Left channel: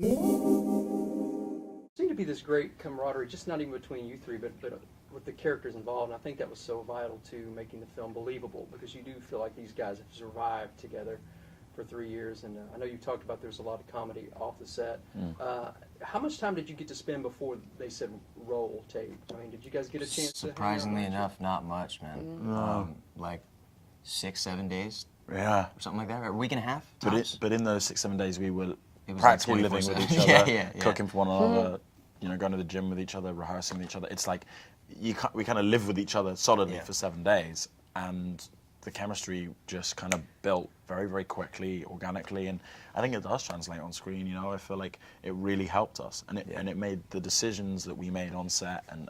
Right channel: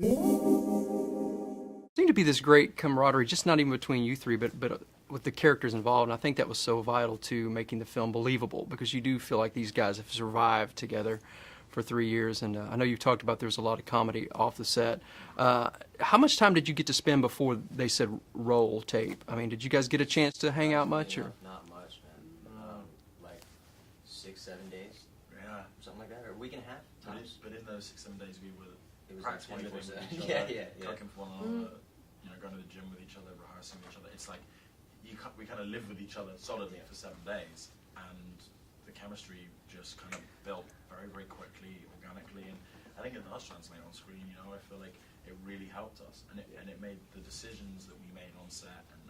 Seemed to be this great camaraderie, just not even between you three, but with the characters involved. And I think that was so vital to making the film believable, because you do feel like these guys have survived together for 3 years. And I know you've talked about there's a lot of comedy off the set. How much time did you get to spend before they said roll tape? I mean, did you guys get a chance to hang out much? Enough, not much, man. Like 6-7 days. Yeah. Or something like that, or a week and a half. But in those 6-7 days, we were was practically like living with 24/7. each other, Yeah. cooking for one another, going to the gym with each other, rehearsing with each other. It's like we kind of live with each other solidly for 7 days, and the chemistry just kind of built very, very quickly, organically, and I think it does translate on screen. I feel like it really helped us, and it made the decisions that we made on set and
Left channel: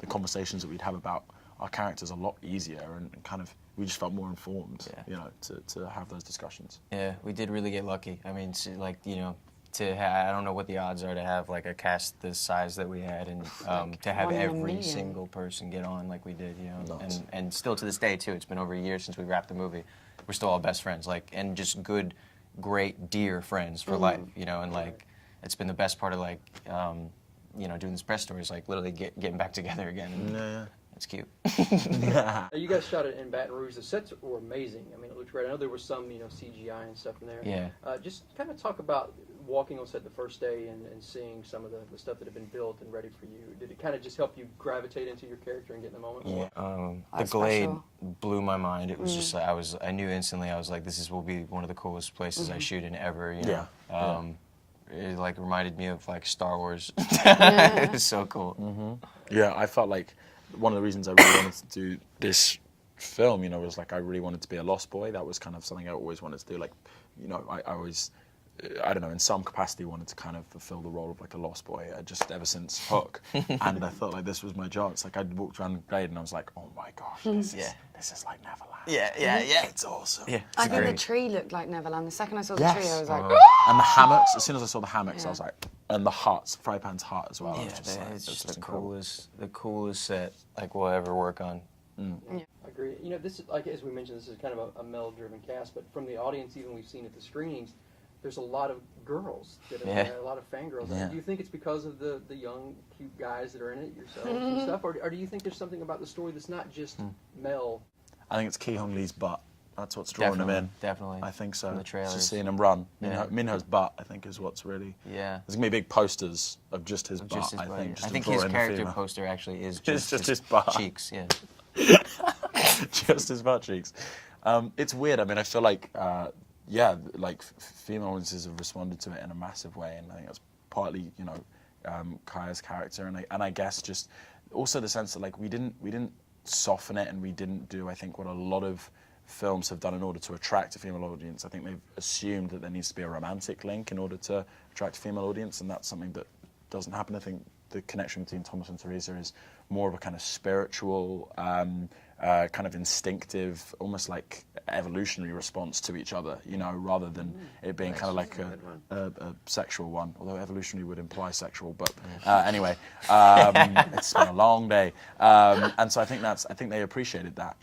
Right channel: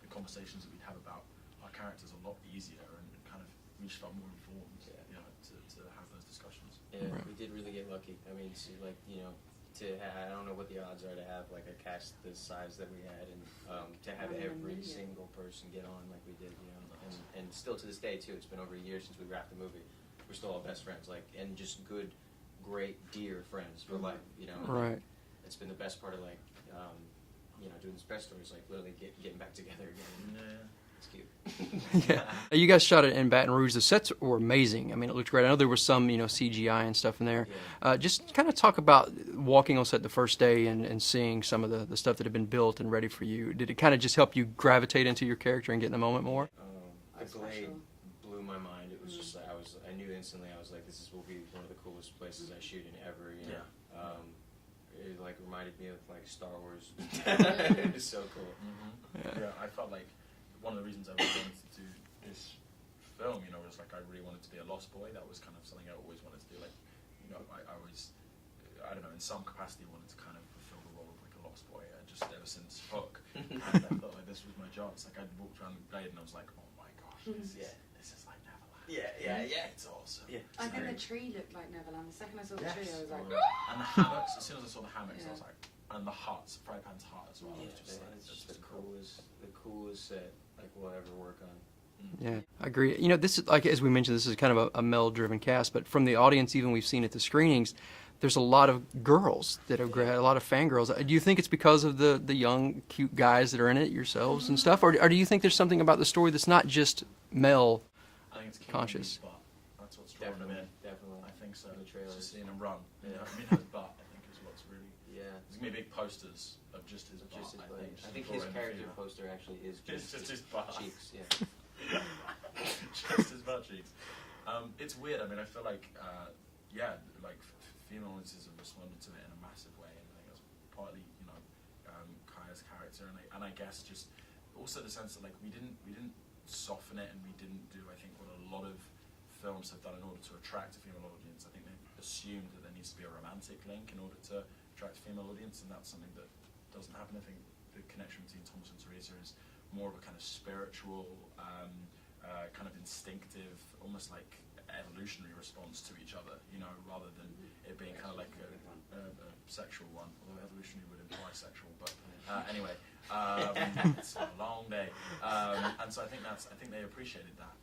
the conversations that we'd have about our characters a lot easier, and kind of we just felt more informed, to have those discussions. Yeah, we did really get lucky. I mean, I don't know what the odds are to have like a cast this size that we had, and to have every single person get on like we did, and still to this day too. It's been over a year since we wrapped the movie. We're still all best friends, and just good, great, dear friends for life, and it's been the best part of doing this press stories, literally getting back together again. And, it's cute. You guys shot it in Baton Rouge. The sets were amazing. I mean, it looked great. I know there was some, CGI and stuff in there. Yeah. Just kind of talk about walking on set the first day and seeing some of the stuff that had been built and ready for you. Did it kind of just help you gravitate into your character and get in the moment more? The Glade blew my mind. It was just I knew instantly. I was like, will be one of the coolest places I shoot in ever. It reminded me of Star Wars. It was so cool. Yeah, I felt like one of the reasons I really wanted to do this film, was I really wanted to be a lost boy. That was kind of something I always wanted to do. I always, I don't know, in some capacity wanted to kind of fulfill the role of a lost boy, just ever since Hook. And I felt like this was my job. It's I walked around the Glade and I was like, oh my gosh, this is like Neverland. Yeah. It's awesome. Yeah, I think the tree looked like Neverland. The second I saw the tree, I was like, and the hammocks, as soon as I saw the hammocks, I was like, and the huts, Fry Pan's hut as well. Yeah, it's just the coolest set we'll ever work on. Yeah, I agree. This is as we mentioned, this is kind of a male-driven cast, but from the audience, even we've seen at the screenings, there's a lot of girls that have a lot of fangirls. Do you think it's because of the young, cute guys that are in it yourselves and stuff, or do you think there's something about the story that's not just male? I think it's Keelan Lee's butt. That's what's drawing him in. Definitely. I think so. From the trailers. Just seeing him run. Minho's butt, I think, is what's really. Yeah. There's gonna be big posters of just his butt. I think his character poster actually is just his butt cheeks. Yeah. Just his butt cheeks. It's weird. I mean, I feel like, female audiences have responded to it in a massive way, and I think that's partly, Kaya's character, and I guess just also the sense that we didn't soften it, and we didn't do, I think, what a lot of films have done in order to attract a female audience. I think they've assumed that there needs to be a romantic link in order to attract a female audience, and that's something that doesn't happen. I think the connection between Thomas and Teresa is more of a kind of spiritual, kind of instinctive, almost like evolutionary response to each other, rather than it being kind of like a sexual one, although evolutionary would imply sexual, but anyway, it's been a long day. And so I think they appreciated that,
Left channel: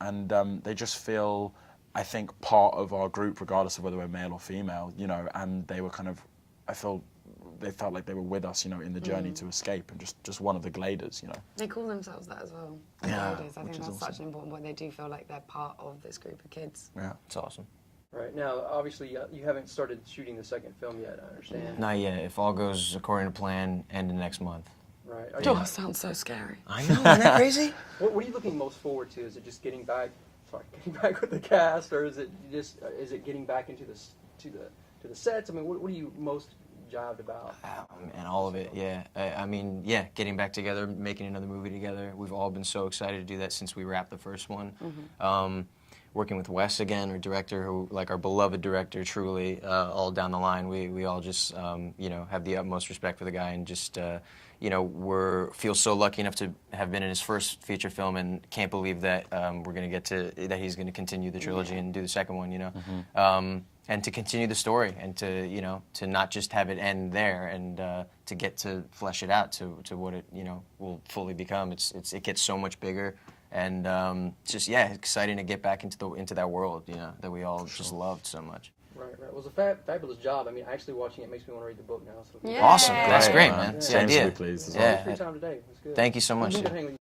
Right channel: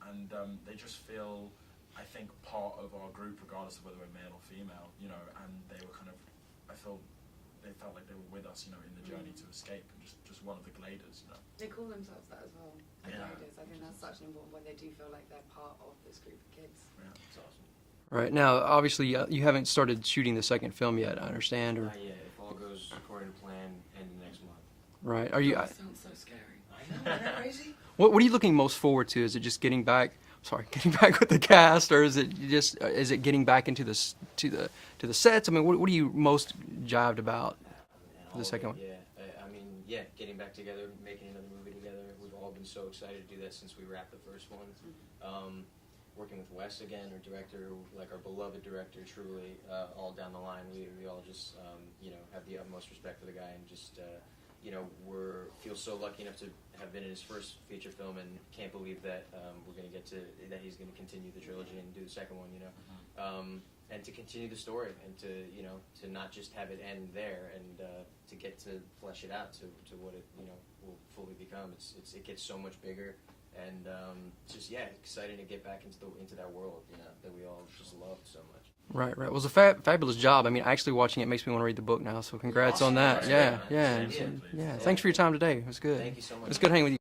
and they just feel, I think, part of our group, regardless of whether we're male or female, and they were kind of, they felt like they were with us, in the journey to escape, and just one of the Gladers, They call themselves that as well. Yeah, I think that's such an important point. They do feel like they're part of this group of kids. Yeah, it's awesome. Right, now, obviously, you haven't started shooting the second film yet, I understand. Not yet. If all goes according to plan, end of next month. Right. That sounds so scary. I know, isn't that crazy? What are you looking most forward to? Is it just getting back with the cast, or is it getting back into the sets? I mean, what are you most jived about? And all of it, yeah. Getting back together, making another movie together. We've all been so excited to do that since we wrapped the first one. Working with Wes again, our director, who, our beloved director, truly, all down the line. We all just, have the utmost respect for the guy, and just, feel so lucky enough to have been in his first feature film, and can't believe that that he's gonna continue the trilogy and do the second one, and to continue the story, and to not just have it end there, and to get to flesh it out to what it will fully become. It gets so much bigger, and it's just exciting to get back into that world that we all just loved so much. Right. It was a fabulous job. I mean, actually watching it makes me want to read the book now. So congrats Awesome. on that. That's Yeah. great, man. Yeah. It's the James idea. would be pleased. Yeah. as well. Thanks for your time today. It was good. Thank you so It much. was good hanging with you.